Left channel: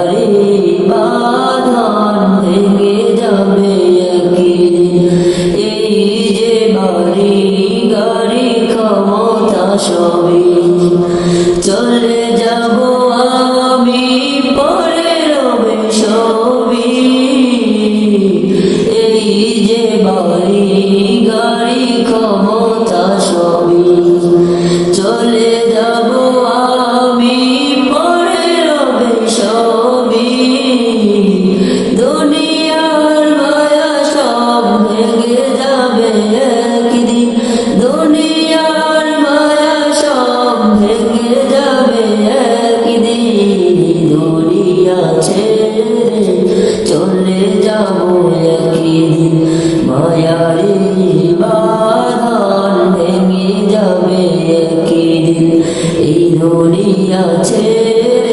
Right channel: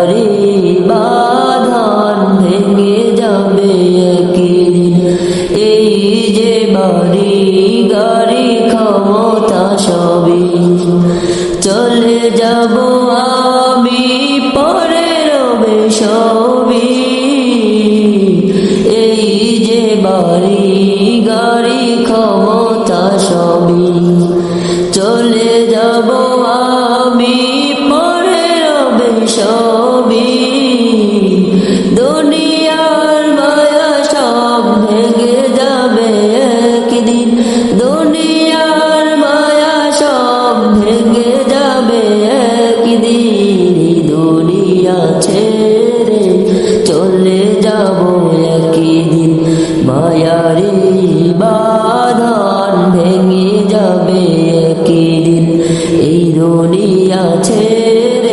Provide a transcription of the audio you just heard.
মায়ারি বাঁধন ভেঙে যাবে এই যে বাড়ি, গাড়ি, ক্ষমতা সবই। চলে পরে রবে এই যে বাড়ি, গাড়ি, ক্ষমতা সবই। চলে যাব একদিন মায়ারি বাধান ভেঙে যাবে একদিন এই দুনিয়া ছেড়ে